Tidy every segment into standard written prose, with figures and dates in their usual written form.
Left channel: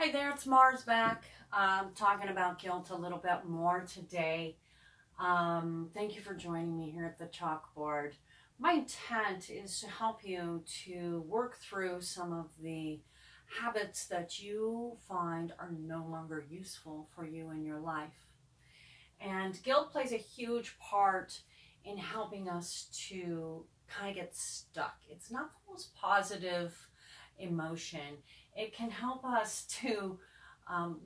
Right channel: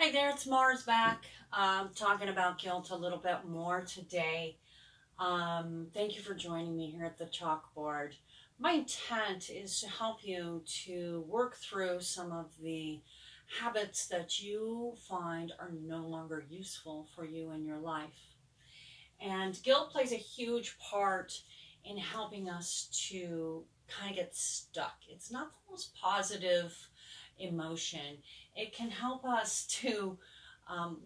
Hey there, it's Mars back. Talking about guilt a little bit more today. Thank you for joining me here at the chalkboard. My intent is to help you to work through some of the habits that you find are no longer useful for you in your life. And guilt plays a huge part in helping us to kind of get stuck. It's not the most positive emotion. It can help us to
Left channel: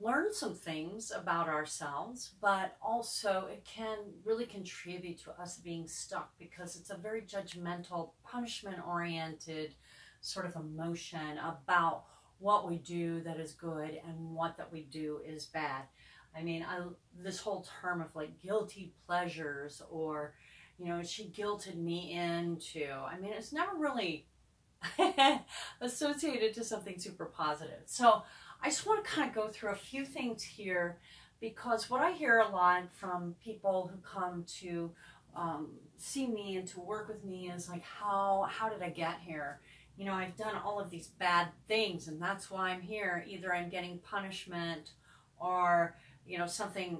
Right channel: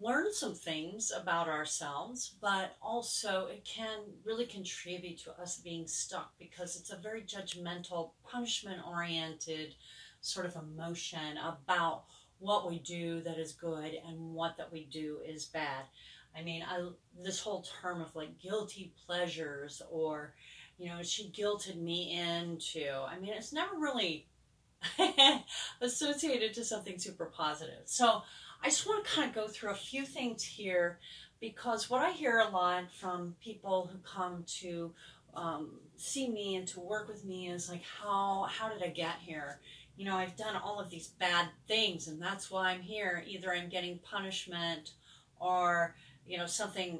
learn some things about ourselves, but also it can really contribute to us being stuck because it's a very judgmental, punishment-oriented sort of emotion about what we do that is good and what that we do is bad. I mean, this whole term of like guilty pleasures or, she guilted me into, I mean, it's never really associated to something super positive. So I just want to kind of go through a few things here because what I hear a lot from people who come to see me and to work with me is like, how did I get here? I've done all of these bad things and that's why I'm here. Either I'm getting punishment or, something,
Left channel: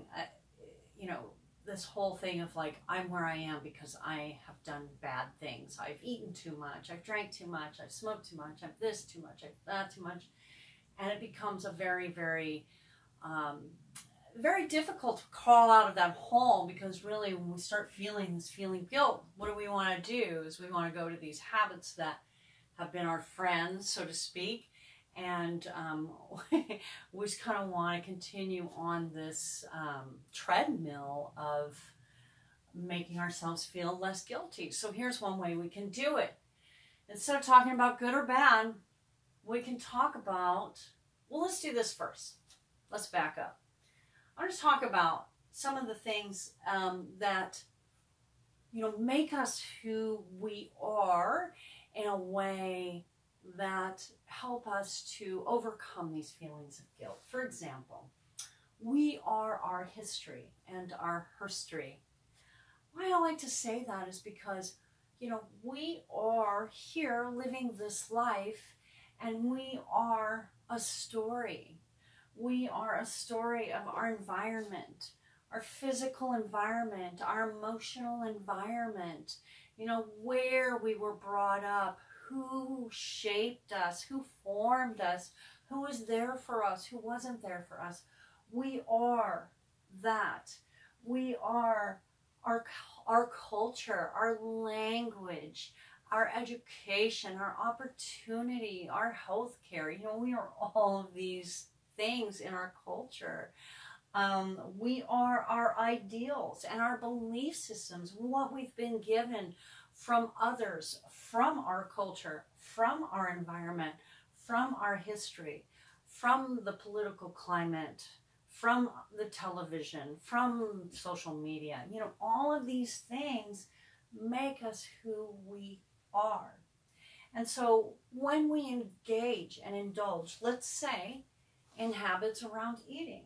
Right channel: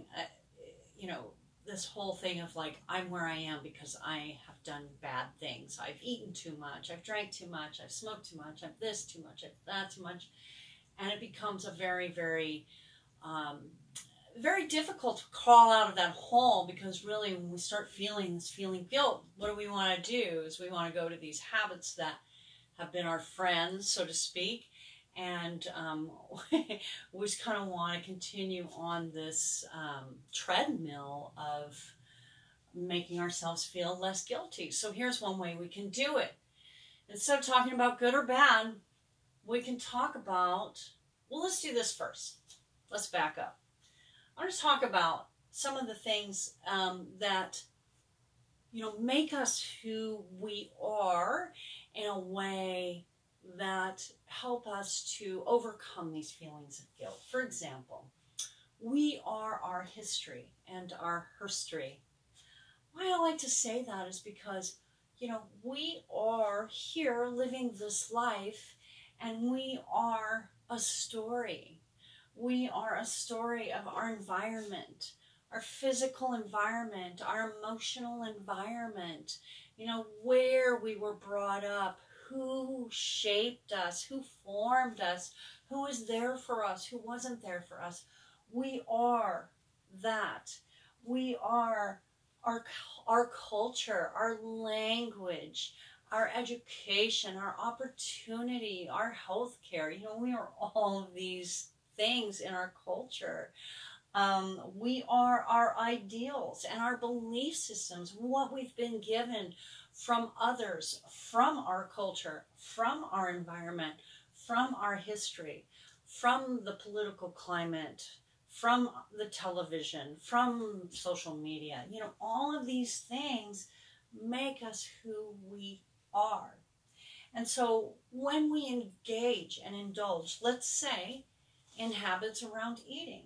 this whole thing of like, I'm where I am because I have done bad things. I've eaten too much, I've drank too much, I've smoked too much, I've this too much, I've that too much. And it becomes a very, very, very difficult to crawl out of that hole because really when we start feeling guilt, what do we want to do is we want to go to these habits that have been our friends, so to speak, and we just kind of want to continue on this treadmill of making ourselves feel less guilty. So here's one way we can do it. Instead of talking about good or bad, we can talk about, well, let's do this first. Let's back up. I want to talk about some of the things that, make us who we are in a way that help us to overcome these feelings of guilt. For example, we are our history and our herstory. Why I like to say that is because, we are here living this life and we are a story. We are a story of our environment, our physical environment, our emotional environment, where we were brought up, who shaped us, who formed us, who was there for us, who wasn't there for us. We are that. We are our culture, our language, our education, our opportunity, our health care. We are all of these things in our culture. We are our ideals and our belief systems, what we've been given from others, from our culture, from our environment, from our history, from the political climate, from the television, from social media. All of these things make us who we are. And so when we engage and indulge, let's say, in habits around eating,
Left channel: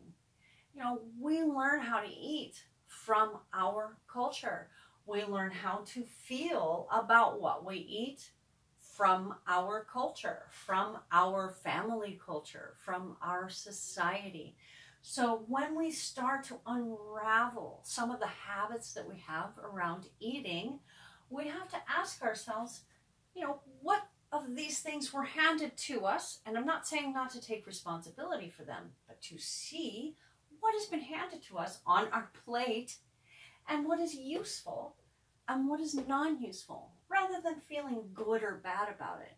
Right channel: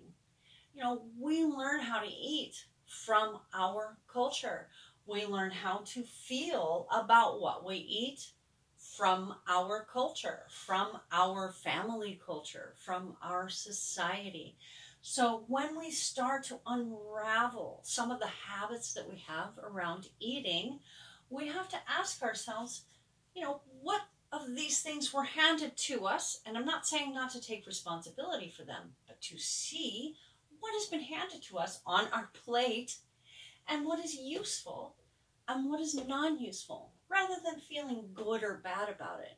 we learn how to eat from our culture. We learn how to feel about what we eat from our culture, from our family culture, from our society. So when we start to unravel some of the habits that we have around eating, we have to ask ourselves, what of these things were handed to us? And I'm not saying not to take responsibility for them, but to see what has been handed to us on our plate and what is useful and what is non-useful, rather than feeling good or bad about it.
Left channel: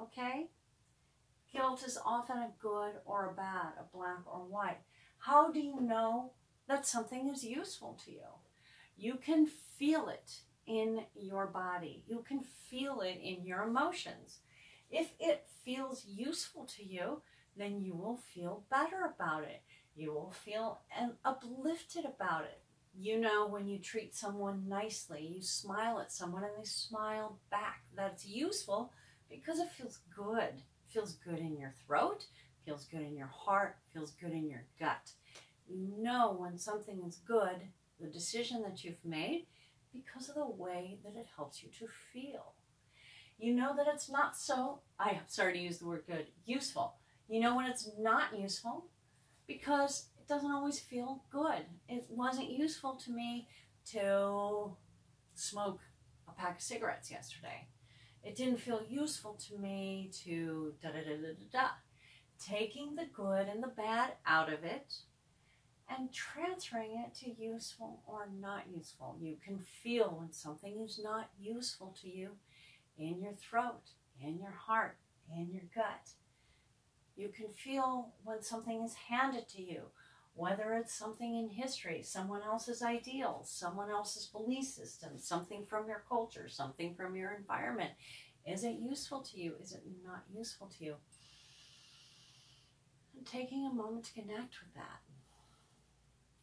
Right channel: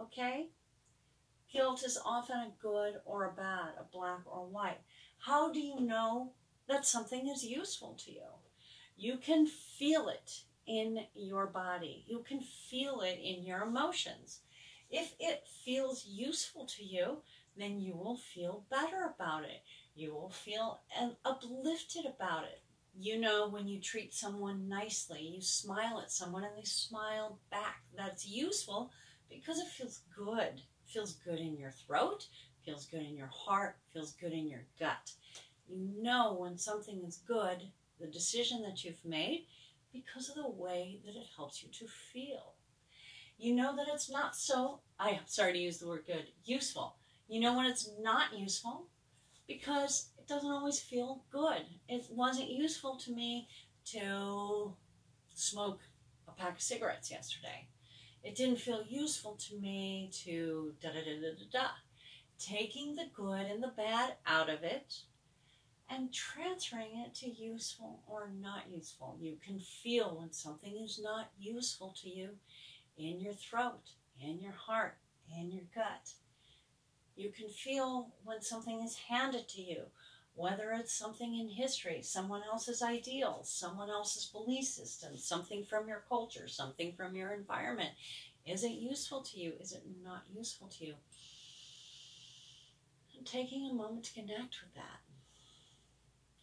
Okay? Guilt is often a good or a bad, a black or white. How do you know that something is useful to you? You can feel it in your body. You can feel it in your emotions. If it feels useful to you, then you will feel better about it. You will feel uplifted about it. When you treat someone nicely, you smile at someone and they smile back. That's useful because it feels good. It feels good in your throat, feels good in your heart, feels good in your gut. You know when something is good, the decision that you've made, because of the way that it helps you to feel. You know that it's not so, I'm sorry to use the word good, useful. You know when it's not useful because it doesn't always feel good. It wasn't useful to me to smoke a pack of cigarettes yesterday. It didn't feel useful to me to da-da-da-da-da-da. Taking the good and the bad out of it and transferring it to useful or not useful. You can feel when something is not useful to you in your throat, in your heart, in your gut. You can feel when something is handed to you, whether it's something in history, someone else's ideals, someone else's belief system, something from your culture, something from your environment. Is it useful to you? Is it not useful to you? And taking a moment to connect with that.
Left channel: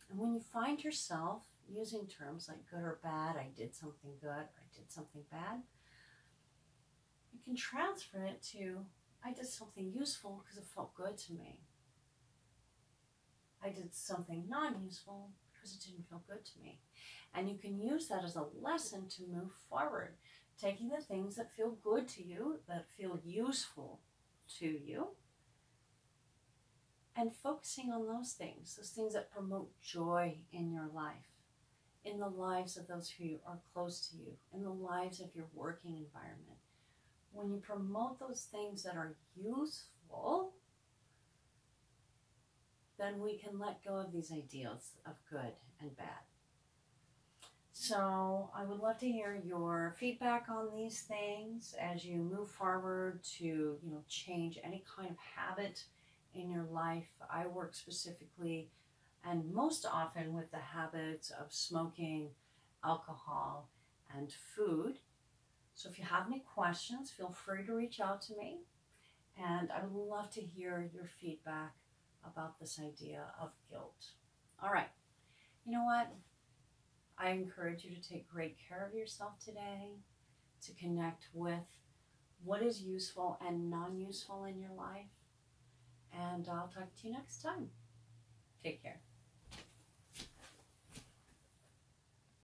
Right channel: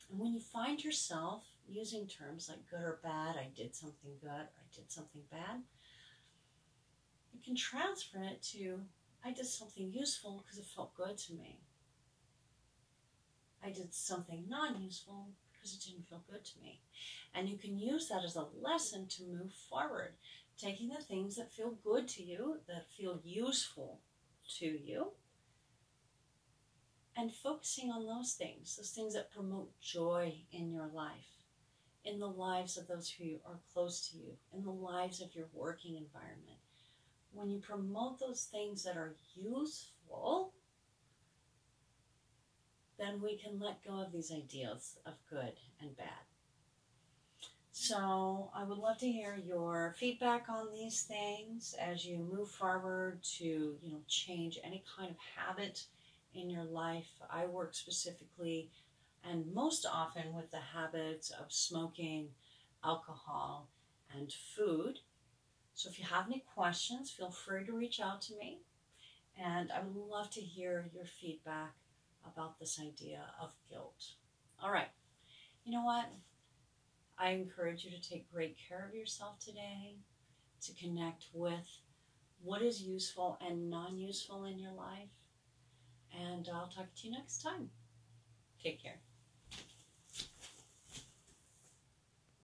And when you find yourself using terms like good or bad, I did something good, or I did something bad, you can transfer it to, I did something useful because it felt good to me. I did something non-useful because it didn't feel good to me. And you can use that as a lesson to move forward, taking the things that feel good to you, that feel useful to you, and focusing on those things that promote joy in your life, in the lives of those who are close to you, in the lives of your working environment. When you promote those things that are useful, then we can let go of these ideas of good and bad. So I would love to hear your feedback on these things as you move forward to, change any kind of habit in your life. I work specifically and most often with the habits of smoking, alcohol, and food. So if you have any questions, feel free to reach out to me. And I would love to hear your feedback about this idea of guilt. All right. You know what? I encourage you to take great care of yourself today, to connect with what is useful and non-useful in your life. And I'll talk to you next time. Take care.